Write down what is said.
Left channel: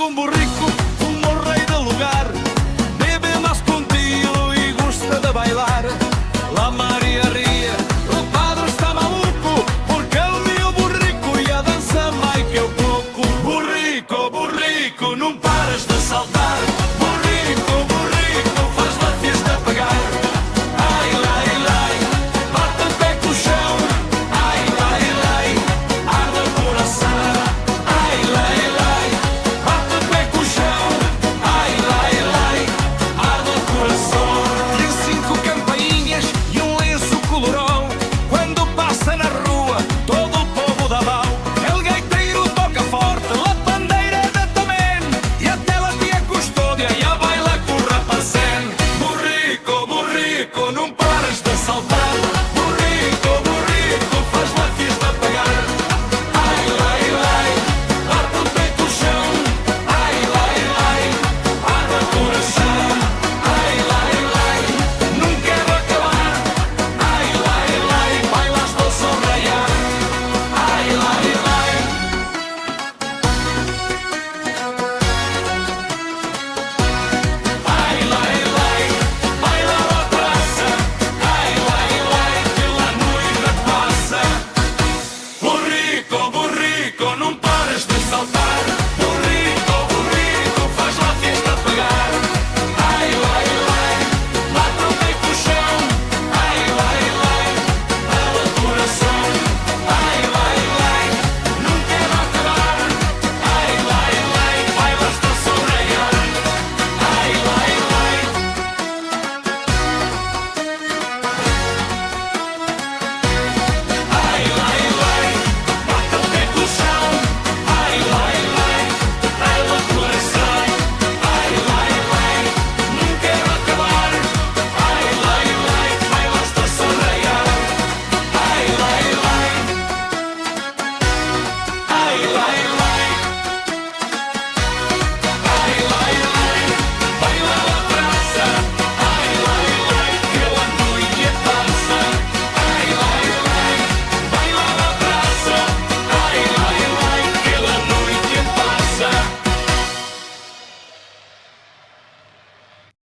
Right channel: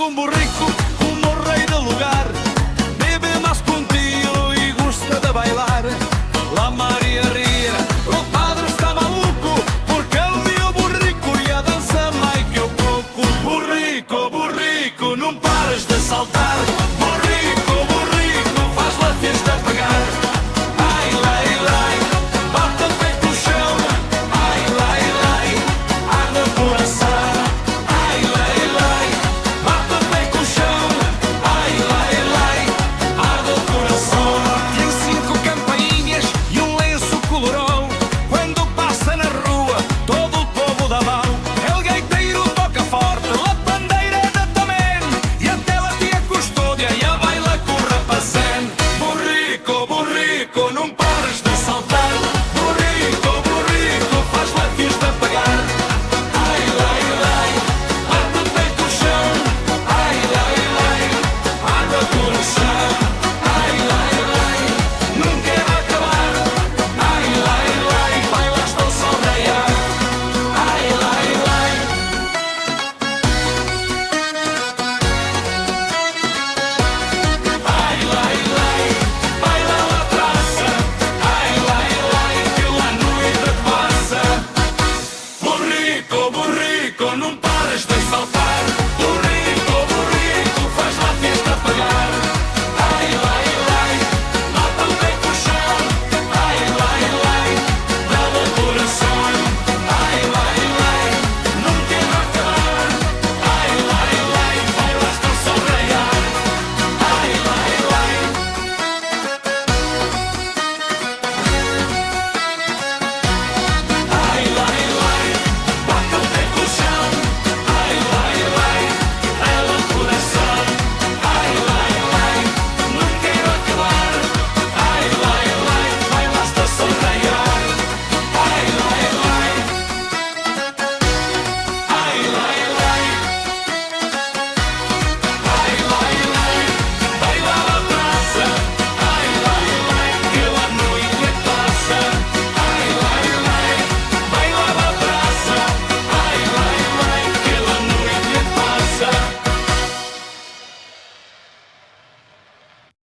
Chega um burrico como o rei do lugar, bebe mais contigo e gosta de bailar. La Maria ria, o padre está maluco, porque ele viu o burrico e a dança mais que o coco. Burrico, burrico, não pares de saltar. Burrico, burrico, faz la fiesta